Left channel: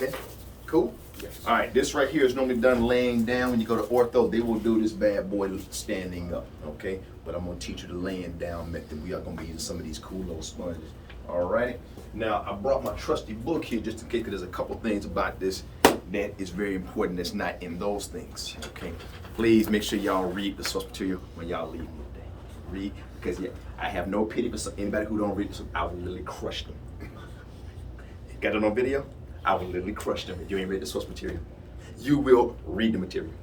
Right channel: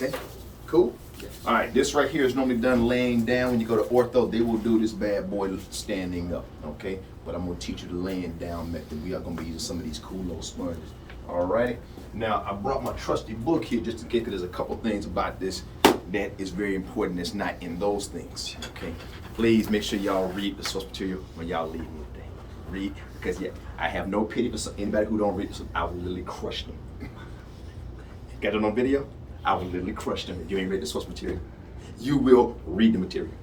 Okay, cool. All right, this right here is normally done laying down. When you go to ortho, they will do this bad boy standing up, okay? But I'm gonna teach you the laying down method. We are gonna be using some of these cool little sponges. All right, now I brought my trusty book here just in case, because there's a couple things about this that is very important that's not in those things, okay? Please make sure y'all read the source material when y'all leave me today. Read, because yeah, I have no pity for anybody who don't read this. I will literally crush them. Got it on video? I will literally crush them if you ain't read the source material. You will read the material.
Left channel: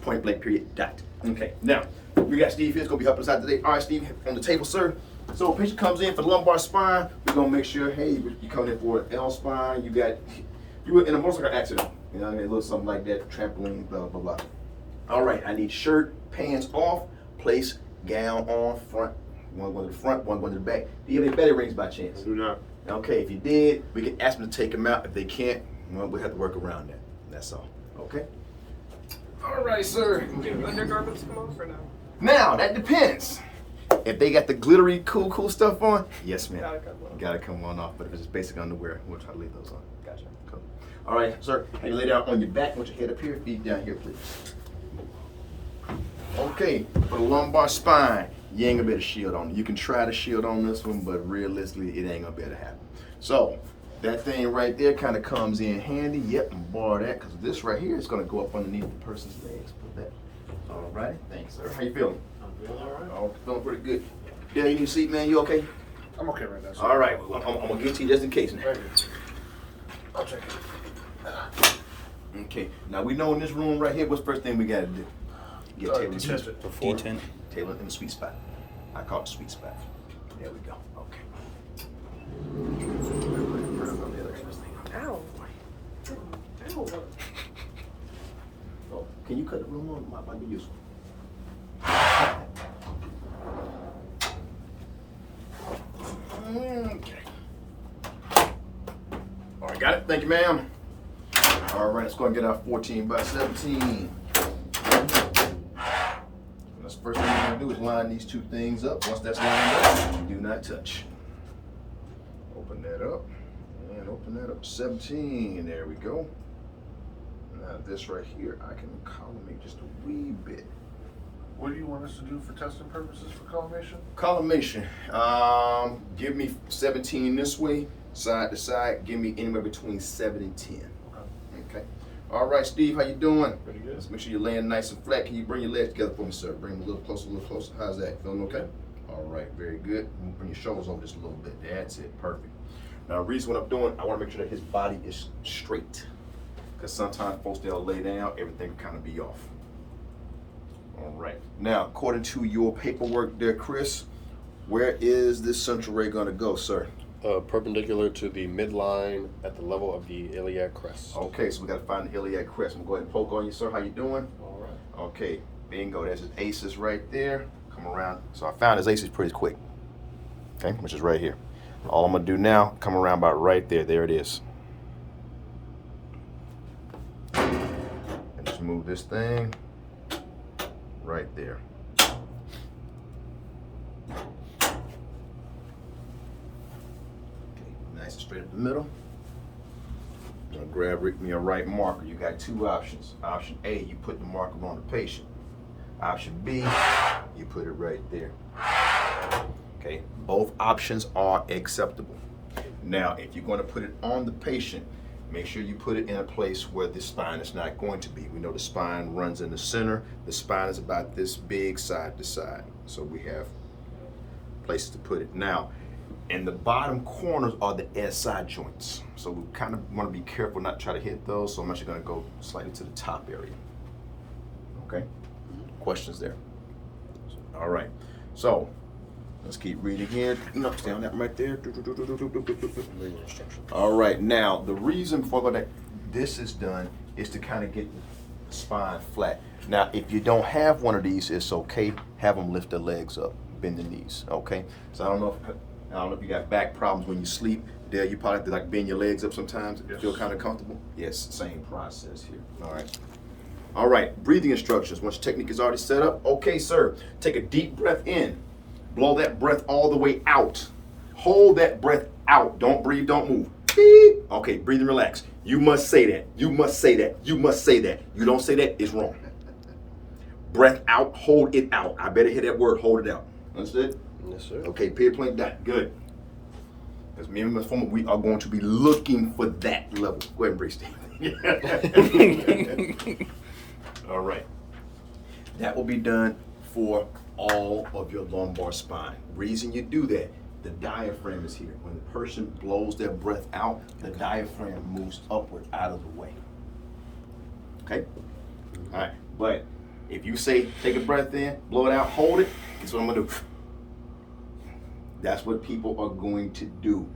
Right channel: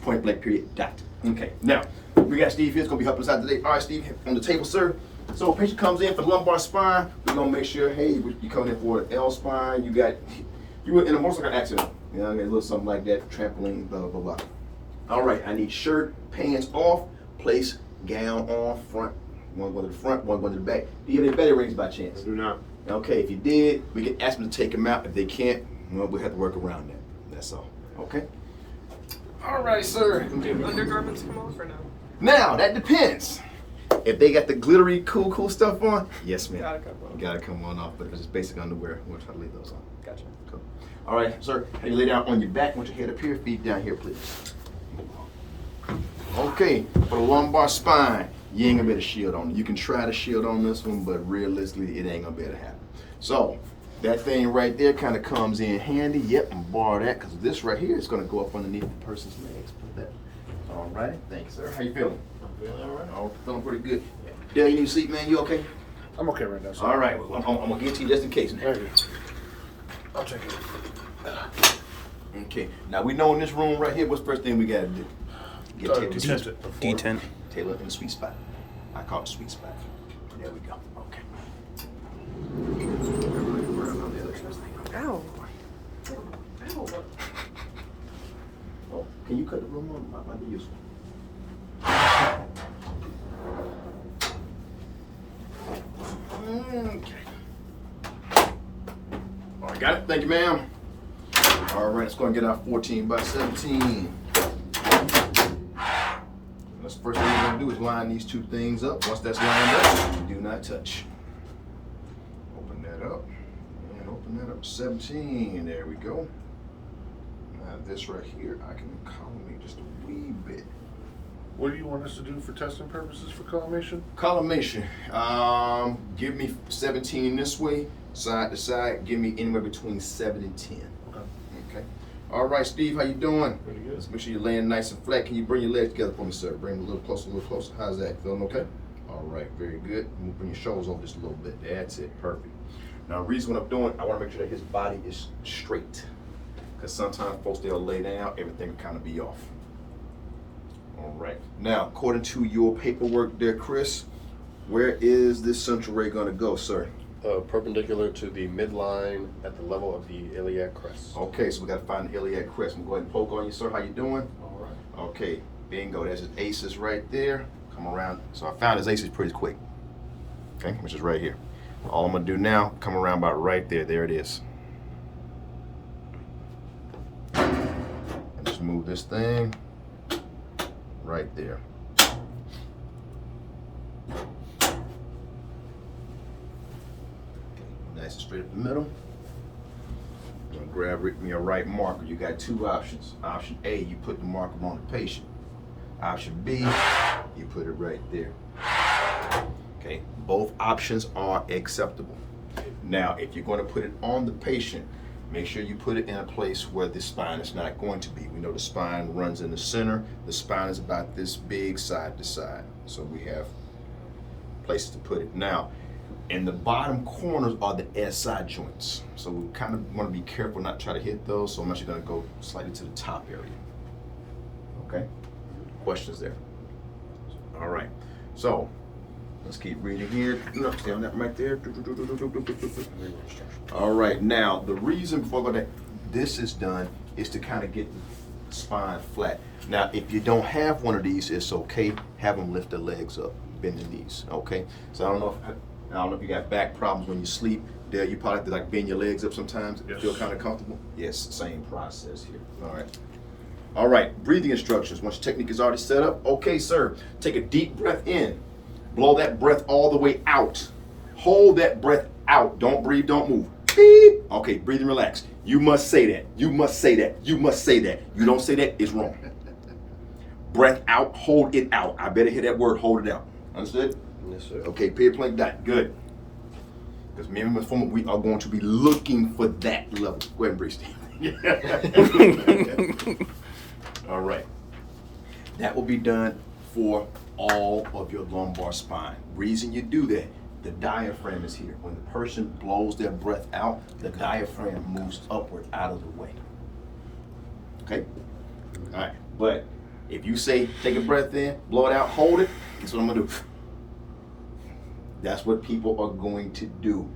Point blank, period, dot. Okay, now, we got Steve here. It's gonna be helping us out today. All right, Steve, on the table, sir. So a patient comes in for lumbar spine. We're gonna make sure, hey, you coming in for an L spine. You were in a motorcycle accident. You know what I mean? A little something like that, trampoline, blah, blah, blah. All right, I need shirt, pants off, place gown on, front. One going to the front, one going to the back. Do you have any belly rings by chance? I do not. Okay, if you did, we can ask them to take them out. If they can't, well, we have to work around that. That's all. Okay? All right, sir. Do undergarments come off or no? Now, that depends. If they got the glittery, cool stuff on, yes, ma'am. Gotta come off. Gotta come on off. But if it's just basic underwear, we'll try to leave those on. Gotcha. Cool. All right, sir. How you lay down on your back with your head up here, feet down here, please. Okay, for the lumbar spine, you ain't gonna be able to shield on it. You can try to shield on this one, but realistically, it ain't gonna be able to happen. So, that thing right there kind of comes in handy. Yep, and borrow that, because this right here is gonna go up underneath the person's legs. Put that. All right, thanks, sir. How you feeling? I'm feeling all right. Oh, feeling pretty good. Dale, you need a seat, man? You okay? I'm okay right now. Sir. All right, well, I'm gonna get to you just in case. Thank you. I'll check it. Okay, now we know in this room right here, what's the first thing we gotta do? Get Taylor in the sweet spot. D10. Taylor in the sweet spot. I call it the sweet spot. There we go. Okay. Ow. Ow. Oh, can you cut it a little more? Might be useful. Okay. All right, got it. Thank you, ma'am. All right, let's go and get our 14 by 17. That's the first thing we're gonna do is line these two things up. Once that's lined up, do not touch. Open that up and open that up. 17, there we go. Now this right here, I can collimate just a wee bit. What do you want us to do for testing purposes for collimation? Collimation, give me 17 this way, side to side. Give me anywhere between 7 and 10. Okay. All right, Steve, how you doing? Pretty good. Let's make sure you're laying nice and flat. Can you bring your legs together for me, sir? Bring them a little closer, a little closer. How's that? Feeling okay? All right, very good. Bring your shoulders over just a little bit. That's it, perfect. Now, the reason what I'm doing, I want to make sure that his body is straight. Because sometimes folks, they'll lay down, everything will kind of be off. All right. Now, according to your paperwork there, Chris, where is this central ray going to go, sir? Perpendicular to the midline at the level of the iliac crest. Okay, so we got to find the iliac crest. I'm going to go ahead and poke on you, sir. How you doing? All right. Okay, bingo. There's his aces right there. Come around. So I found his aces pretty quick. Okay, which is right here. All I'm going to do now, come around about right there. There it is. And just move this thing right there. Nice and straight up the middle. And grab me a right marker. You got two options. Option A, you put the marker on the patient. Option B, you put it right there. Okay, both options are acceptable. Now, if you're going to put it on the patient, make sure you put it in a place where the spine is not going to be. We know the spine runs in the center. The spine is about this big side to side. So we have places to put it. Now, in the bottom corners are the SI joints. So we kind of want to be careful not to try to hit those. So I'm actually going to go slightly to the top area. Okay? Questions there? All right. So let's keep reading here. No, stay on that right there. All right. Now, the reason for that this is done is to kind of get the spine flat. Now, if you don't have one of these, it's okay. Have them lift their legs up, bend the knees. Okay. So I don't know if you got back problems when you sleep. Dale, you probably have to like bend your legs up sometimes. Yes. Feel kind of comfortable. Yes, same process here. All right. All right, breathing instructions. Once your technique is already set up, okay, sir, take a deep breath in. Blow that breath all the way out. Hold that breath out. Don't breathe, don't move. beep. Okay, breathe and relax. You must say that. You must say that. You must say that. You don't say that, it's wrong. Breath out, hold it out. I better hear that word, hold it out. Understood? Yes, sir. Okay, period, point, dot. Good. Because me and my former, we are going to be looking for that level. Go ahead and breathe, Steve. All right. That will be done for all of your lumbar spine. Reason you do that, the diaphragm is here. When the person blows their breath out, the diaphragm moves upward out of the way. Okay? All right. But if you say, take a breath in, blow it out, hold it, that's what I'm going to do. That's what people are going to do.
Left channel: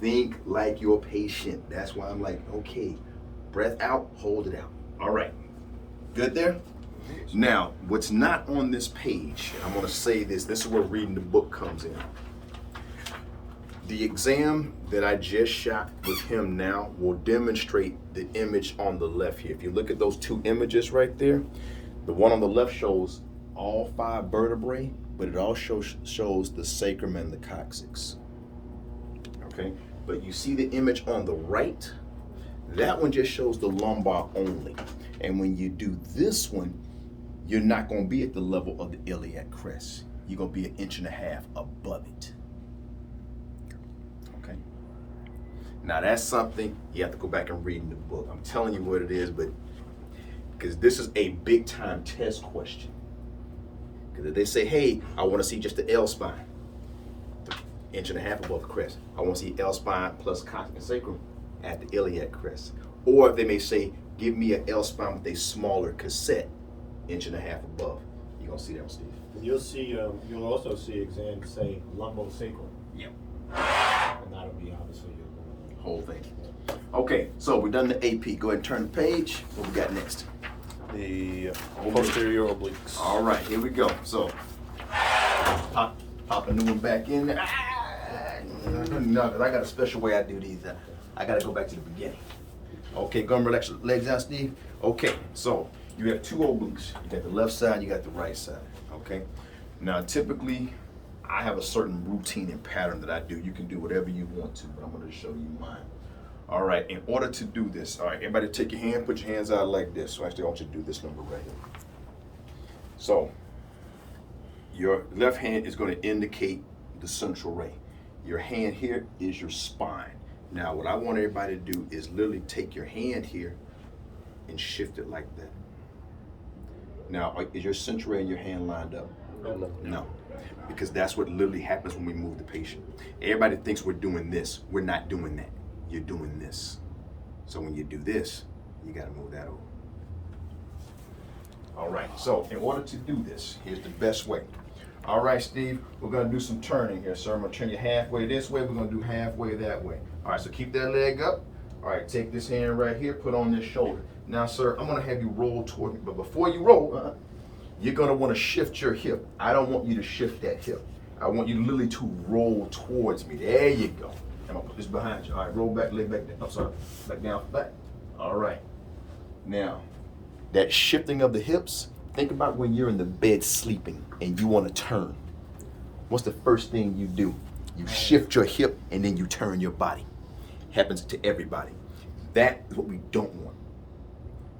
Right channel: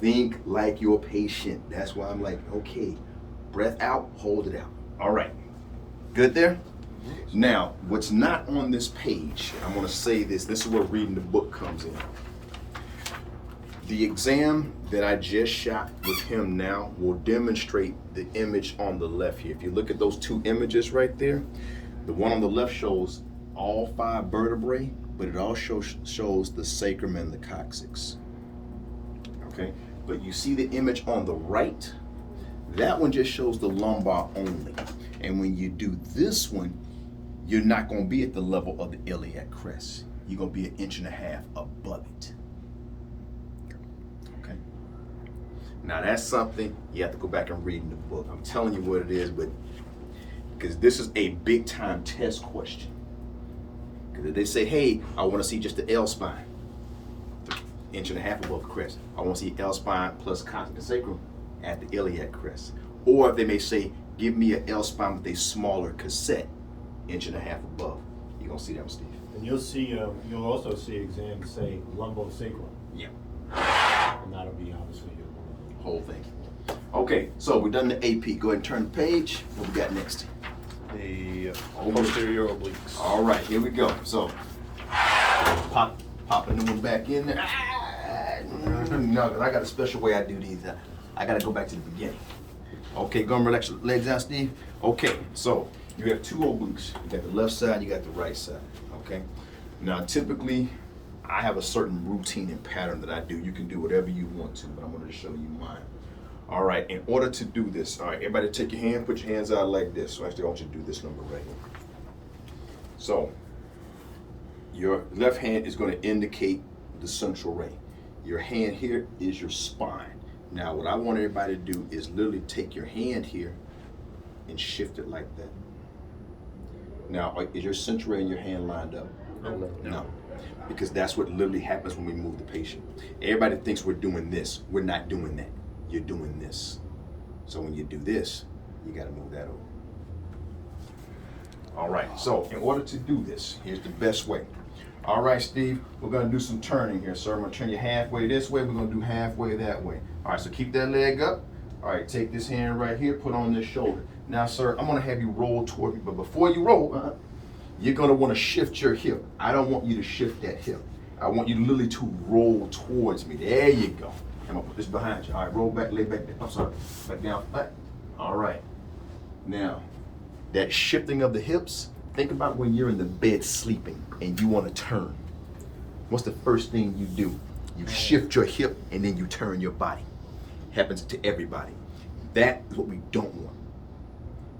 Think like your patient. That's why I'm like, okay, breath out, hold it out. All right. Good there? Now, what's not on this page, I'm going to say this. This is where reading the book comes in. The exam that I just shot with him now will demonstrate the image on the left here. If you look at those two images right there, the one on the left shows all 5 vertebrae, but it also shows the sacrum and the coccyx. Okay, but you see the image on the right? That one just shows the lumbar only. And when you do this one, you're not going to be at the level of the iliac crest. You're going to be 1.5 inches above it. Okay. Now that's something you have to go back and read in the book. I'm telling you what it is, but because this is a big time test question. Because if they say, hey, I want to see just the L spine, 1.5 inches above the crest. I want to see L spine plus coccyx and sacrum at the iliac crest. Or they may say, give me an L spine with a smaller cassette, 1.5 inches above. You're gonna see that one, Steve. And you'll also see exams say lumbosacral. Yeah. And that'll be obviously your Whole thing. Okay, so we've done the AP. Go ahead and turn the page. What we got next? The posterior obliques. All right, here we go. So pop a new one back in there. No, 'cause I got a special way I do these. I gotta go back to the beginning. Okay, go and relax your legs out, Steve. Okay, so you have 2 obliques. You got the left side, you got the right side. Okay. Now typically I have a certain routine and pattern that I do. You can do whatever you want to, but I'm gonna show you mine. All right, in order to do this, all right, everybody take your hand, put your hands out like this. So actually I want you to do this number right here. So your left hand is going to indicate the central ray. Your hand here is your spine. Now what I want everybody to do is literally take your hand here and shift it like that. Now, is your central ray and your hand lined up? No. Because that's what literally happens when we move the patient. Everybody thinks we're doing this. We're not doing that. You're doing this. So when you do this, you got to move that over. All right, so in order to do this, here's the best way. All right, Steve, we're going to do some turning here, sir. I'm going to turn you halfway this way. We're going to do halfway that way. All right, so keep that leg up. All right, take this hand right here, put on this shoulder. Now, sir, I'm going to have you roll toward me. But before you roll, you're going to want to shift your hip. I don't want you to shift that hip. I want you literally to roll towards me. There you go. I'm going to put this behind you. All right, roll back, lay back down. I'm sorry, back down, back. All right. Now, that shifting of the hips, think about when you're in the bed sleeping and you want to turn. What's the first thing you do? You shift your hip and then you turn your body. Happens to everybody. That is what we don't want.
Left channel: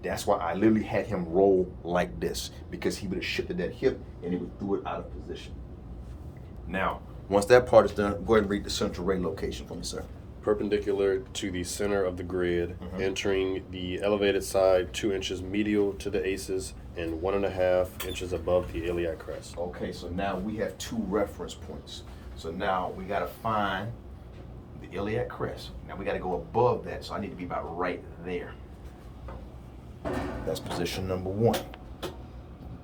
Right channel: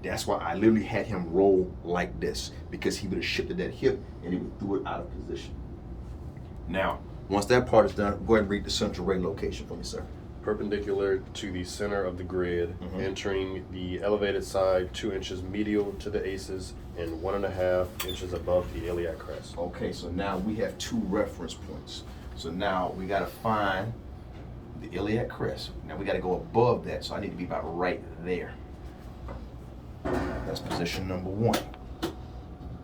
That's why I literally had him roll like this, because he would have shifted that hip and he would throw it out of position. Now, once that part is done, go ahead and read the central ray location for me, sir. Perpendicular to the center of the grid, entering the elevated side 2 inches medial to the aces and 1.5 inches above the iliac crest. Okay, so now we have 2 reference points. So now we got to find the iliac crest. Now we got to go above that, so I need to be about right there. That's position number 1.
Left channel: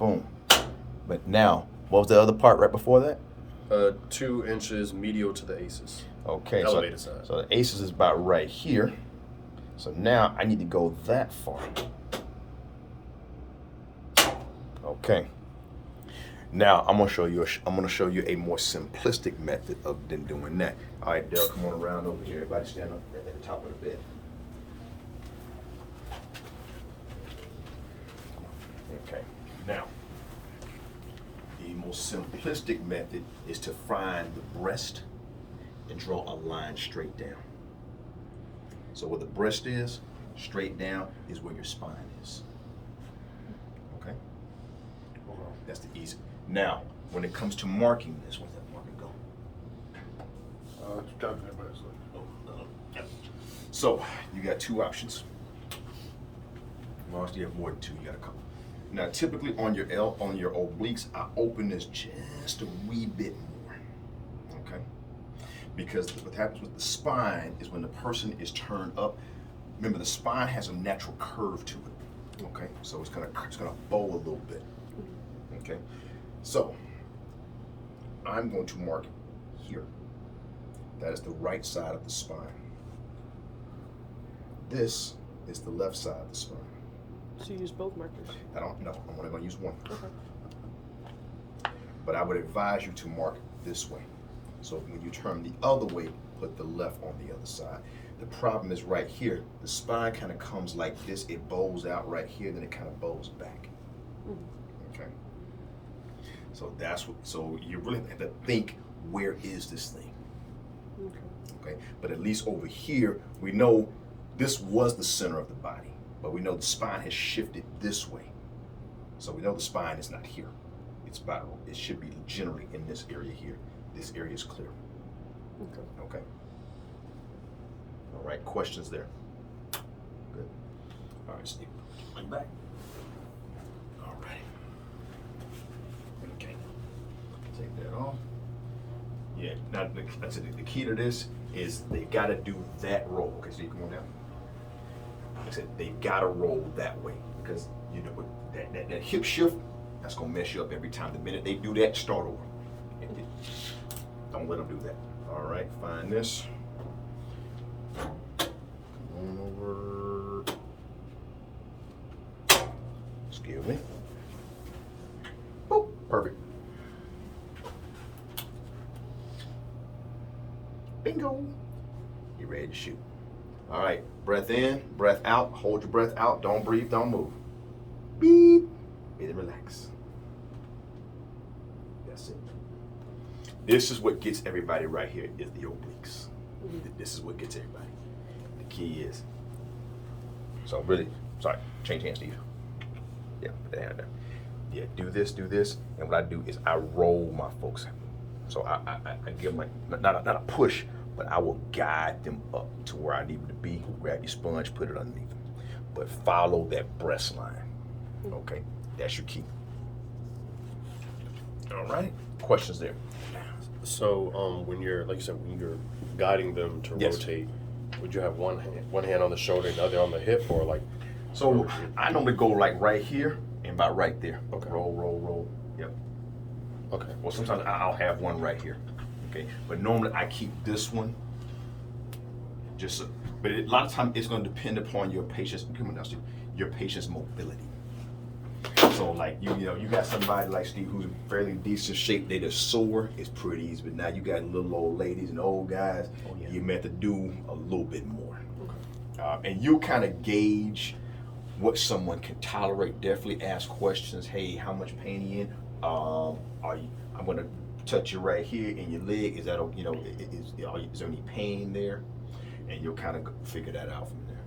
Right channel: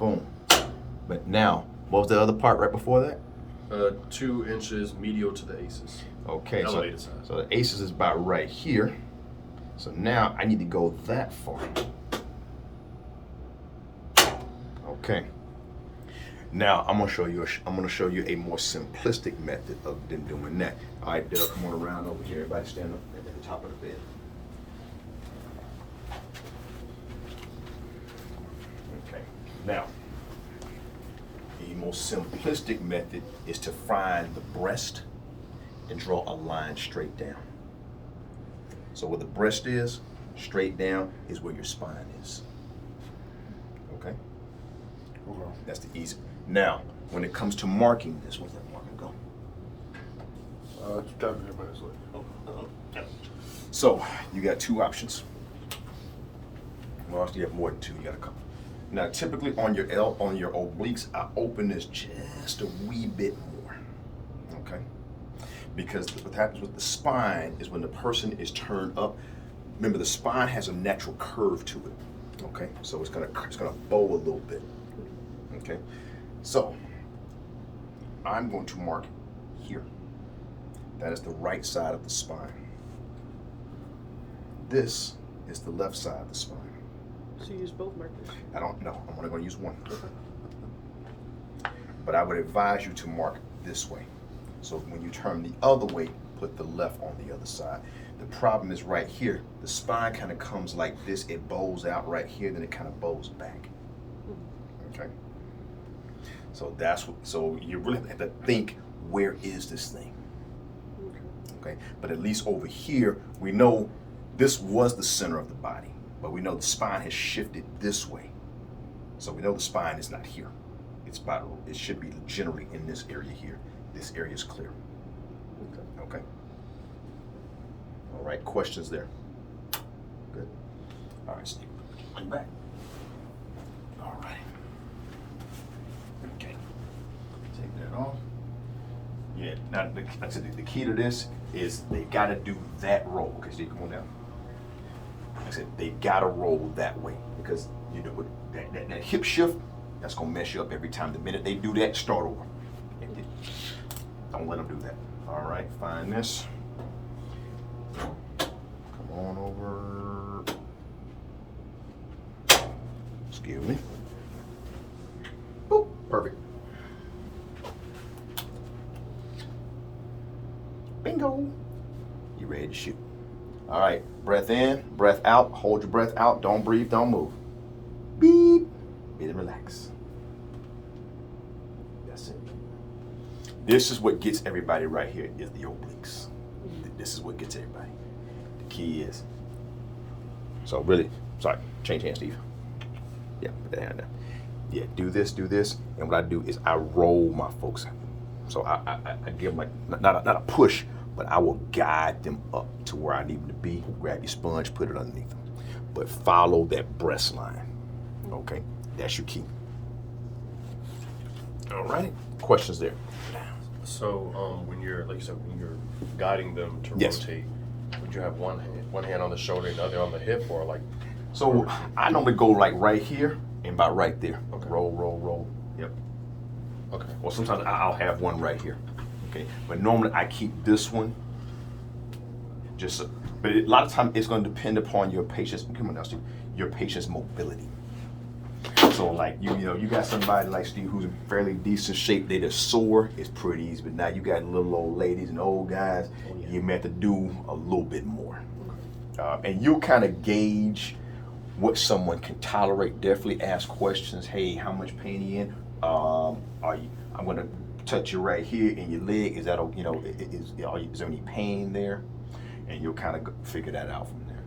Boom. But now, what was the other part right before that? 2 inches medial to the aces. Okay, Elevated side. so the aces is about right here. So now I need to go that far. Okay. Now I'm gonna show you a more simplistic method of than doing that. All right, Doug, come on around over here. Everybody stand up at the top of the bed. Okay. Now, the most simplistic method is to find the breast and draw a line straight down. So where the breast is, straight down is where your spine is. Okay? That's the easy. Now, when it comes to marking this, where's that marker go? It's down here by his leg. So you got two options. Well, you have more than two. You got a couple. Now, typically on your obliques, I open this just a wee bit more. Okay? Because what happens with the spine is when the person is turned up. Remember, the spine has a natural curve to it. Okay? So it's gonna bow a little bit. Okay? So I'm going to mark here. That is the right side of the spine. This is the left side of the spine. So you use both markers. I don't know. I'm only going to use one. But I would advise you to mark this way. So when you turn the other way, put the left on the other side. The problem is right here. The spine kind of comes like this. It bows out right here, then it kind of bows back. Okay. So that's what. So you really have to think, where is this thing? Okay. But at least over here, we know this was the center of the body. But we know the spine has shifted this way. So we know the spine is not here. It's spiral. It should be generally in this area here. This area is clear. Okay. All right, questions there? Good. All right, Steve, went back. All right. Okay. Take that off. Yeah, now I said the key to this is they gotta do that roll. Okay, see, come on down. I said they gotta roll that way because you know that hip shift, that's gonna mess you up every time. The minute they do that, start over. Don't let them do that. All right, find this. Come on over. Excuse me. Boop, perfect. Bingo. You ready to shoot? All right, breath in, breath out. Hold your breath out. Don't breathe, don't move. Beep. Breathe and relax. That's it. This is what gets everybody right here is the obliques. This is what gets everybody. The key is. So really, sorry, change hands, Steve. Yeah, put that hand down. Yeah, do this, and what I do is I roll my folks. So I give them like not a push, but I will guide them up to where I need them to be. Grab your sponge, put it underneath them. But follow that breast line. Okay? That's your key. All right. Questions there? So when you're, like you said, when you're guiding them to Yes. rotate, would you have one hand on the shoulder and the other on the hip, or like? So I normally go like right here and about right there. Okay. Roll. Yep. Okay. Or sometimes I'll have one right here. Okay. But normally I keep this one. But a lot of times it's going to depend upon your patient's. Come on now, Steve. Your patient's mobility. So like you know you got somebody like Steve who's in fairly decent shape. They just sore. It's pretty easy. But now you got little old ladies and old guys. Oh, yeah. You may have to do a little bit more. And you'll kind of gauge what someone can tolerate. Definitely ask questions. Hey, how much pain are you in? I'm going to touch you right here in your leg. Is that, you know, is there any pain there? And you'll kind of figure that out from there.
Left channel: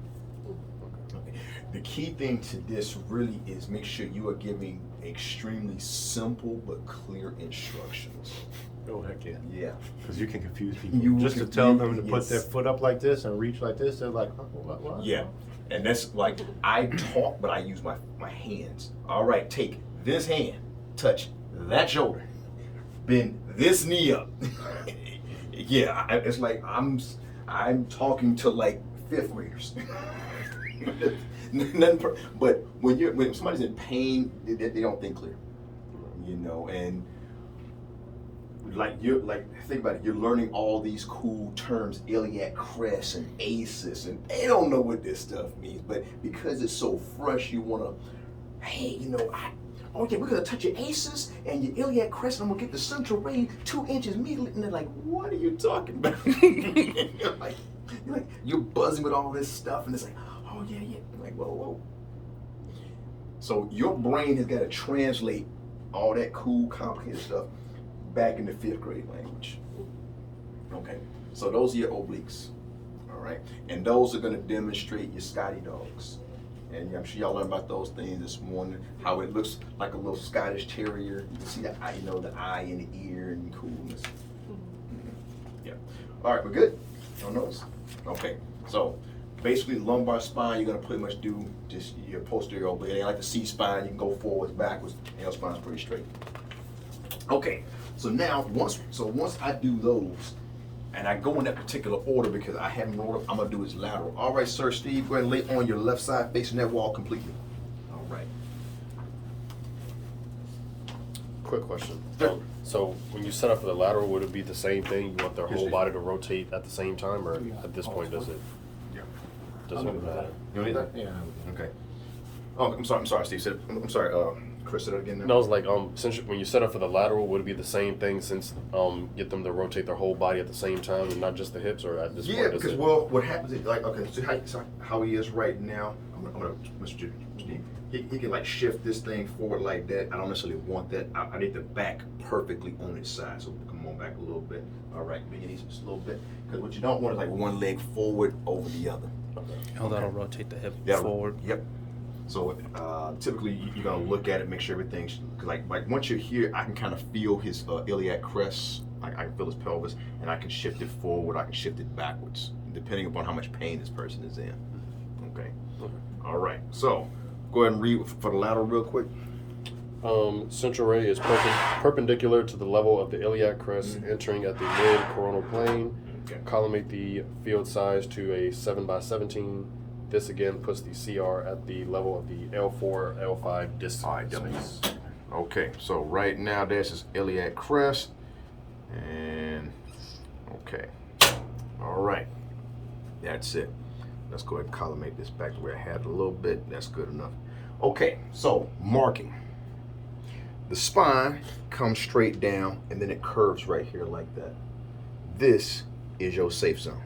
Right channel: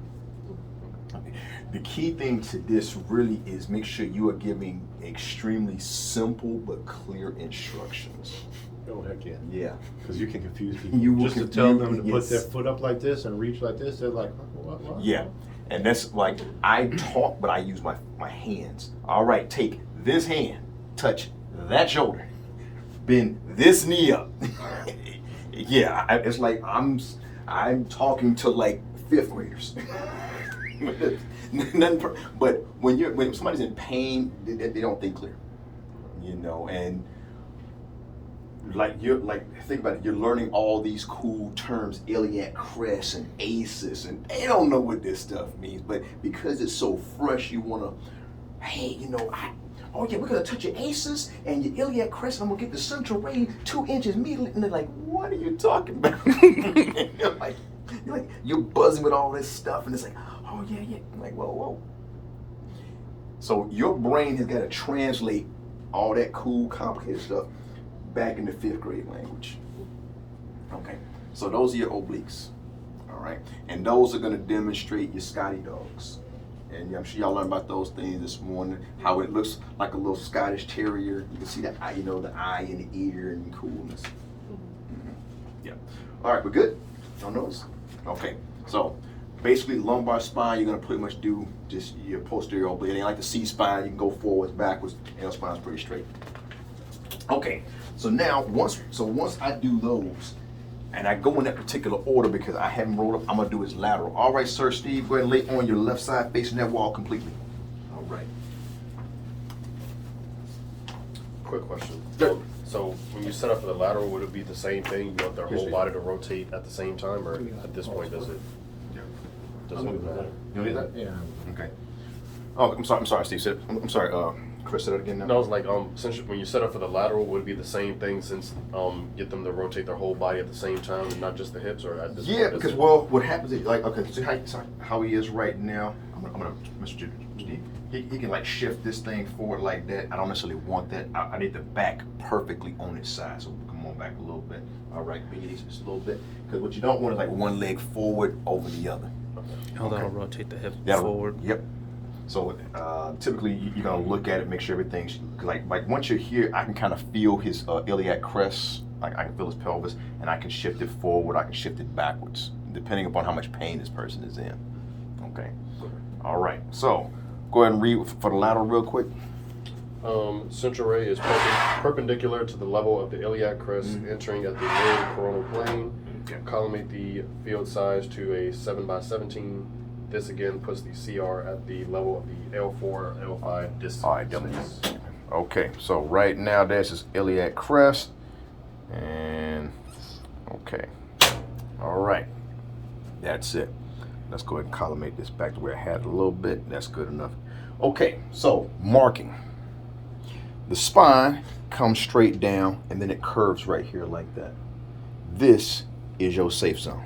Okay. The key thing to this really is make sure you are giving extremely simple but clear instructions. Oh, heck yeah. Yeah. Because you can confuse people. You will Just to tell them to yes. put their foot up like this and reach like this, they're like, what? Yeah. And that's like, I talk, but I use my hands. All right, take this hand, touch that shoulder, bend this knee up. Yeah, it's like I'm talking to like fifth graders. But when somebody's in pain, they don't think clear, you know. And think about it. You're learning all these cool terms, iliac crest and ACEs, and they don't know what this stuff means. But because it's so fresh, you wanna, hey, you know, we're gonna touch your ACEs and your iliac crest, and I'm gonna get the central ring 2 inches immediately. And they're like, what are you talking about? you're buzzing with all this stuff, and it's like, oh yeah. I'm like, whoa. So your brain has got to translate all that cool, complicated stuff back into fifth grade language. Okay, so those are your obliques. All right? And those are gonna demonstrate your Scotty dogs. And I'm sure y'all learned about those things this morning, how it looks like a little Scottish Terrier. You can see the eye, you know, the eye and the ear and the coolness. Yeah. All right, we're good on those? Okay, so basically lumbar spine, you're gonna pretty much do just your posterior oblique. It ain't like the C-spine, you can go forwards, backwards, L spine's pretty straight. Okay, so now, once I do those, and I go in that particular order because I haven't rolled up, I'm gonna do his lateral. All right, sir, Steve, go ahead and lay on your left side facing that wall completely. All right. Quick question. Sure. So when you set up for the lateral, would it be the same thing? You want their whole Yes, body to rotate at the same time, or at this point does it? Yeah. Doesn't matter. You don't need that? Yeah. Okay. Oh, I'm sorry, Steve. I'm sorry, Chris, say that again now. No, it's like since when you set up for the lateral, would it be the same thing since get them to rotate their whole body at the same time and not just the hips, or at this Yeah, point, because it, well, what happens is like okay, see how he is right now. I'm gonna Mr. Steve. He can like shift this thing forward like that. I don't necessarily want that. I need the back perfectly on his side. So come on back a little bit. All right, maybe just a little bit. Because what you don't want is like one leg forward over the other. Oh, that'll rotate the hip That'll- forward. Yep. So typically you're gonna look at it, make sure everything's like once you're here, I can kind of feel his iliac crest. I can feel his pelvis, and I can shift it forward. I can shift it backwards, depending upon how much pain this person is in. Okay. All right. So go ahead and read for the lateral real quick. central ray is perpendicular to the level of the iliac crest, entering at the mid coronal plane. Okay. Collimate the field size to a 7x17. This again puts the CR at the level of the L4, L5 disc All right, space. Okay, so right now there's his iliac crest, and okay, all right, that's it. Let's go ahead and collimate this back to where I had it a little bit. That's good enough. Okay, so marking. The spine comes straight down, and then it curves right here like that. This is your safe zone.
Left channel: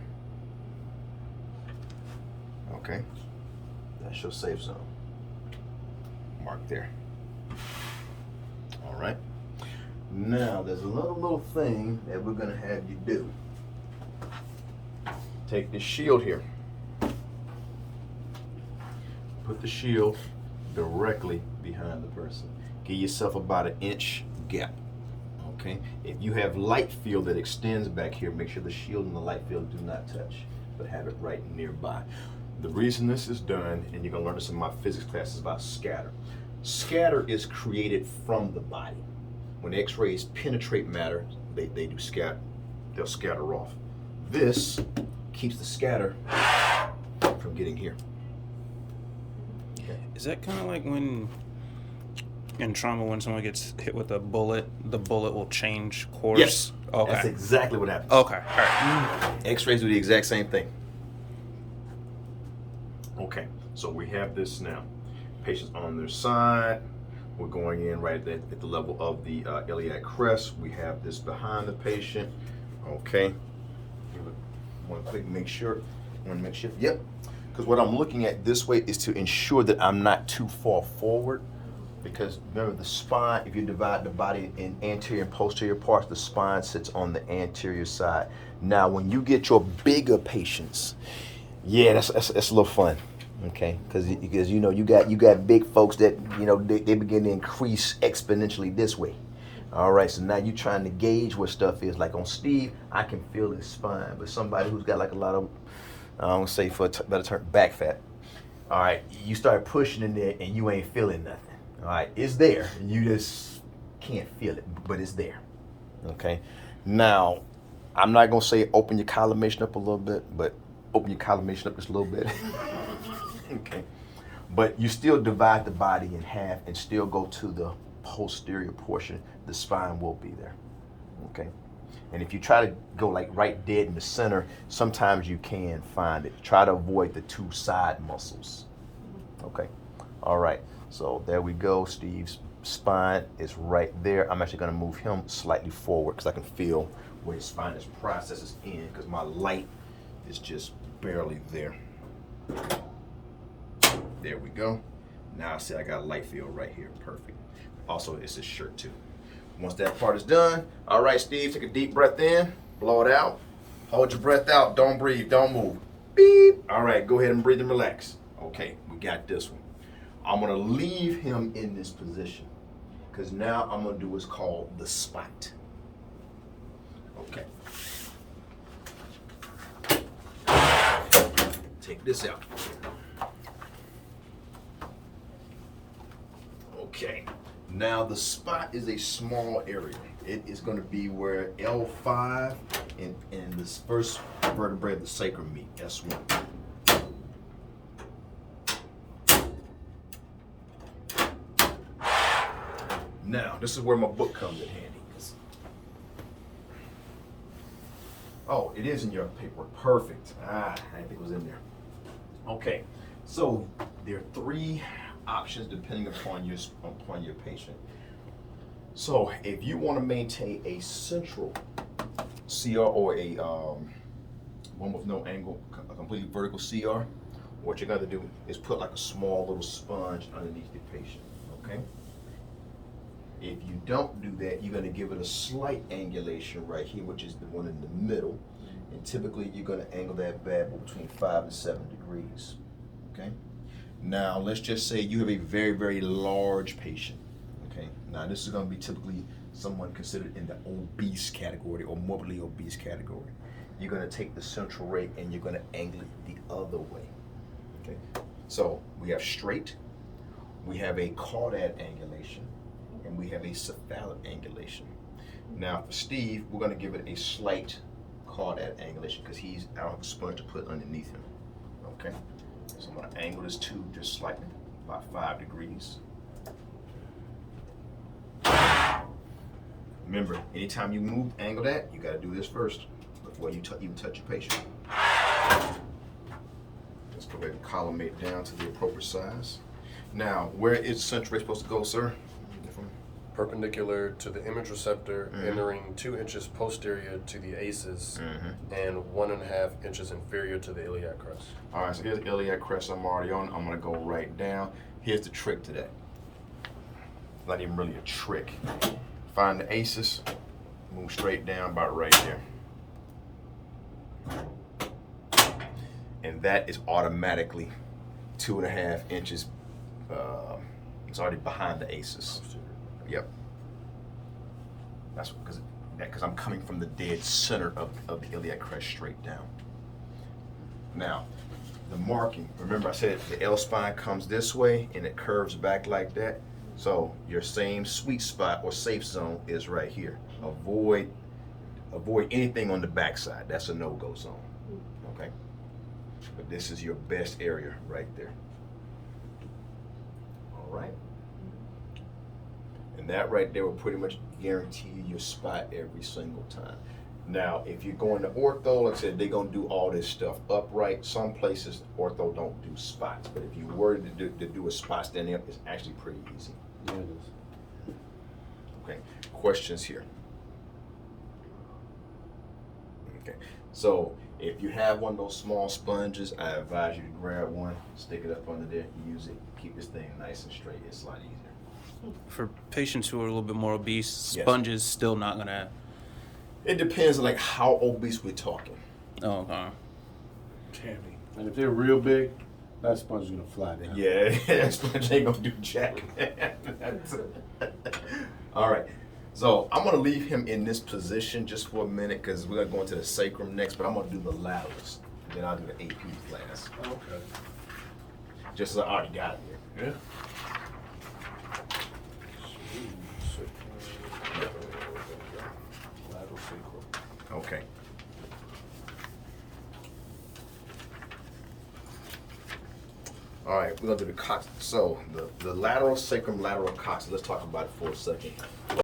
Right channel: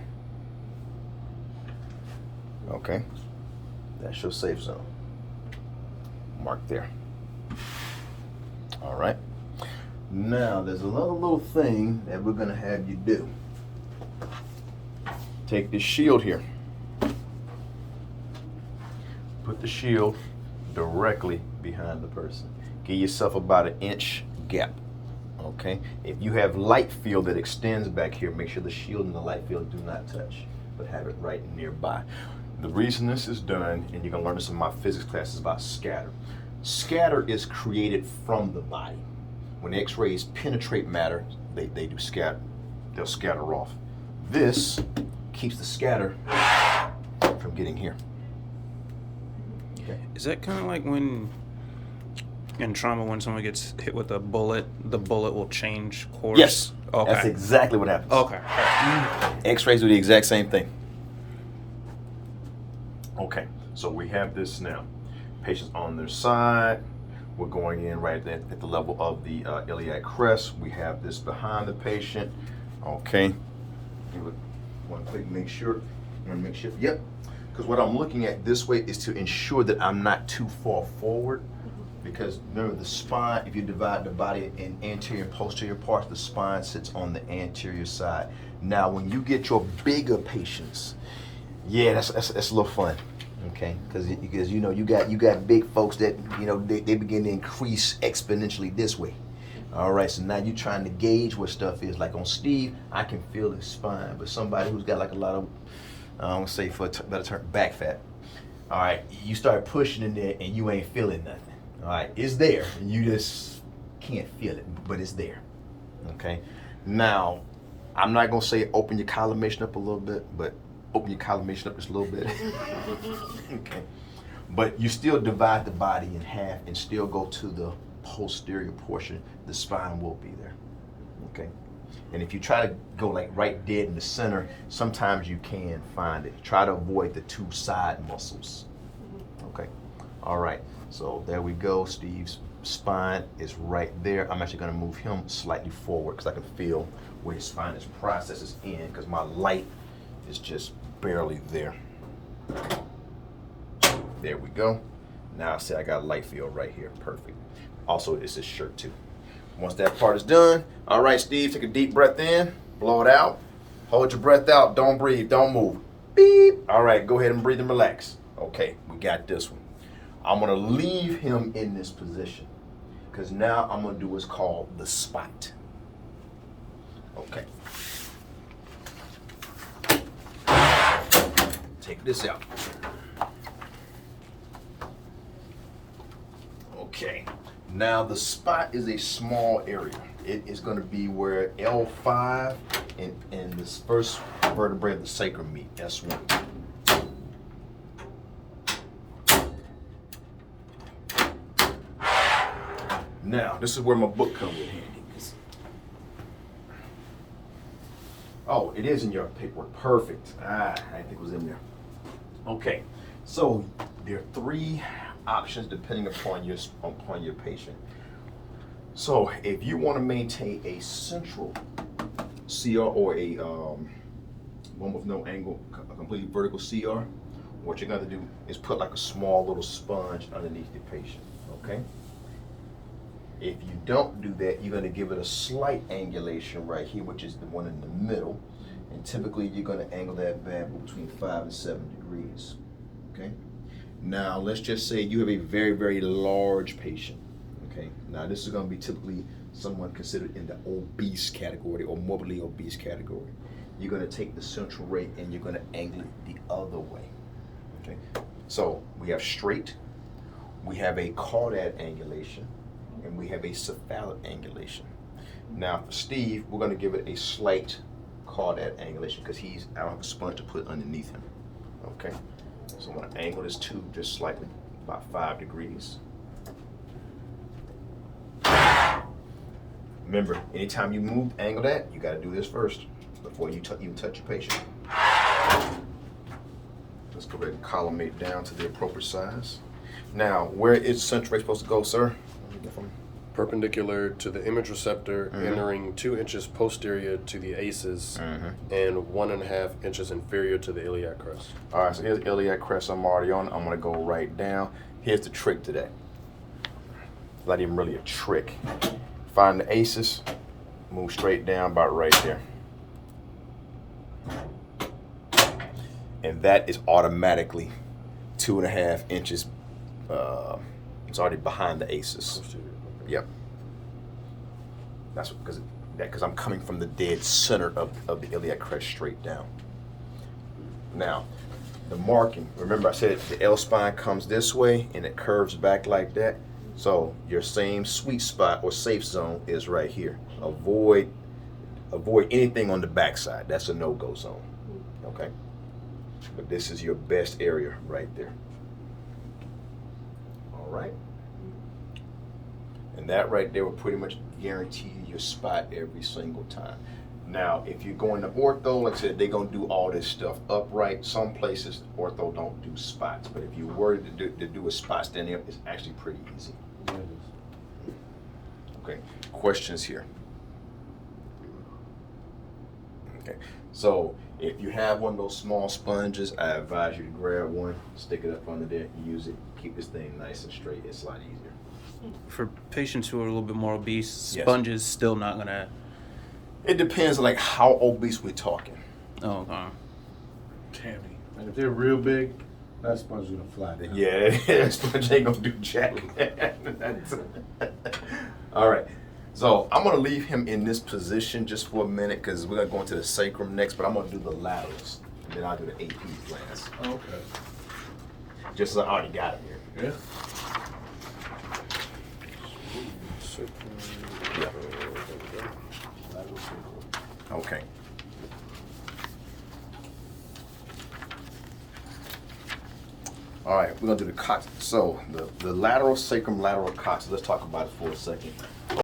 Okay, that's your safe zone. Mark there. All right. Now, there's another little thing that we're gonna have you do. Take this shield here. Put the shield directly behind the person. Give yourself about an inch gap. Okay? If you have light field that extends back here, make sure the shield and the light field do not touch, but have it right nearby. The reason this is done, and you're gonna learn this in my physics class, is about scatter. Scatter is created from the body. When X-rays penetrate matter, they do scatter. They'll scatter off. This keeps the scatter from getting here. Is that kind of like when in trauma, when someone gets hit with a bullet, the bullet will change course? Yes. Okay. That's exactly what happens. Okay. All right. X-rays do the exact same thing. Okay, so we have this now. Patients on their side. We're going in right at the level of the iliac crest. We have this behind the patient. Okay. Give it one click, make sure. Yep. Because what I'm looking at this way is to ensure that I'm not too far forward. Because remember, the spine, if you divide the body in anterior and posterior parts, the spine sits on the anterior side. Now, when you get your bigger patients, yeah, that's a little fun, okay? Because you know you got big folks that they begin to increase exponentially this way. All right, so now you're trying to gauge what stuff is. Like on Steve, I can feel his spine, but somebody who's got like a lot of, say for a better term, back fat. All right, you start pushing in there and you ain't feeling nothing. All right, it's there, and you just can't feel it, but it's there. Okay, now I'm not gonna say open your collimation up a little bit, but open your collimation up just a little bit. Okay, but you still divide the body in half and still go to the posterior portion. The spine will be there. Okay, and if you try to go like right dead in the center, sometimes you can find it. Try to avoid the two side muscles. Okay, all right. So there we go. Steve's spine is right there. I'm actually going to move him slightly forward because I can feel where his spine is processes in, because my light is just barely there. There we go. Now I say I got light field right here. Perfect. Also, it's his shirt too. Once that part is done, all right, Steve, take a deep breath in, blow it out. Hold your breath out. Don't breathe. Don't move. beep. All right, go ahead and breathe and relax. Okay, we got this one. I'm gonna leave him in this position because now I'm gonna do what's called the spot. Okay. Take this out. Okay. Now the spot is a small area. It is going to be where L5 and this first vertebrae of the sacrum meet, S1. Now, this is where my book comes in handy. Oh, it is in your paperwork. Perfect. I didn't think it was in there. Okay, so there are 3 options depending upon your patient. So if you want to maintain a central CR or a one with no angle, a completely vertical CR, what you're going to do is put like a small little sponge underneath the patient. Okay. If you don't do that, you're going to give it a slight angulation right here, which is the one in the middle. And typically, you're going to angle that bad boy between 5 and 7 degrees. Okay. Now, let's just say you have a very, very large patient. Okay. Now, this is going to be typically someone considered in the obese category or morbidly obese category. You're going to take the central ray and you're going to angle it the other way. Okay. So we have straight, we have a caudate angulation, and we have a cephalad angulation. Now for Steve, we're going to give it a slight caudate angulation because I don't have a sponge to put underneath him. Okay, so I'm going to angle this tube just slightly, about 5 degrees. Remember, anytime you angle that, you got to do this first before you even touch your patient. Let's go ahead and collimate down to the appropriate size. Now, where is central ray supposed to go, sir? Perpendicular to the image receptor, entering 2 inches posterior to the ACEs, and 1.5 inches inferior to the iliac crest. All right, so here's iliac crest. I'm already on. I'm going to go right down. Here's the trick to that. Not even really a trick. Find the ACEs, move straight down about right there. And that is automatically 2.5 inches. It's already behind the ACEs. Yep. That's because I'm coming from the dead center of the iliac crest straight down. Now, the marking, remember I said the L spine comes this way and it curves back like that. So your same sweet spot or safe zone is right here. Avoid anything on the backside. That's a no-go zone. Okay? But this is your best area right there. All right? And that right there will pretty much guarantee you your spot every single time. Now, if you're going to ortho, like I said, they're going to do all this stuff upright. Some places, ortho don't do spots. But if you were to do a spot standing up, it's actually pretty easy. Okay, questions here? Okay, so if you have one of those small sponges, I advise you to grab one, stick it up under there, use it, keep this thing nice and straight. It's a lot easier. For patients who are a little bit more obese, Yes. sponges still not gonna. It depends on like how obese we're talking. Oh, okay. Tammy. And if they're real big, that sponge is gonna fly down. Yeah, that sponge ain't gonna do jack. All right, so I'm gonna leave him in this position just for a minute because we're gonna go into the sacrum next, but I'm gonna do the laterals and then I'll do the AP class. Okay. Just as I already got it here. Yeah. Yeah. Okay. All right, we're gonna do the coccyx. So the lateral sacrum, lateral coccyx. Let's talk about it for a second.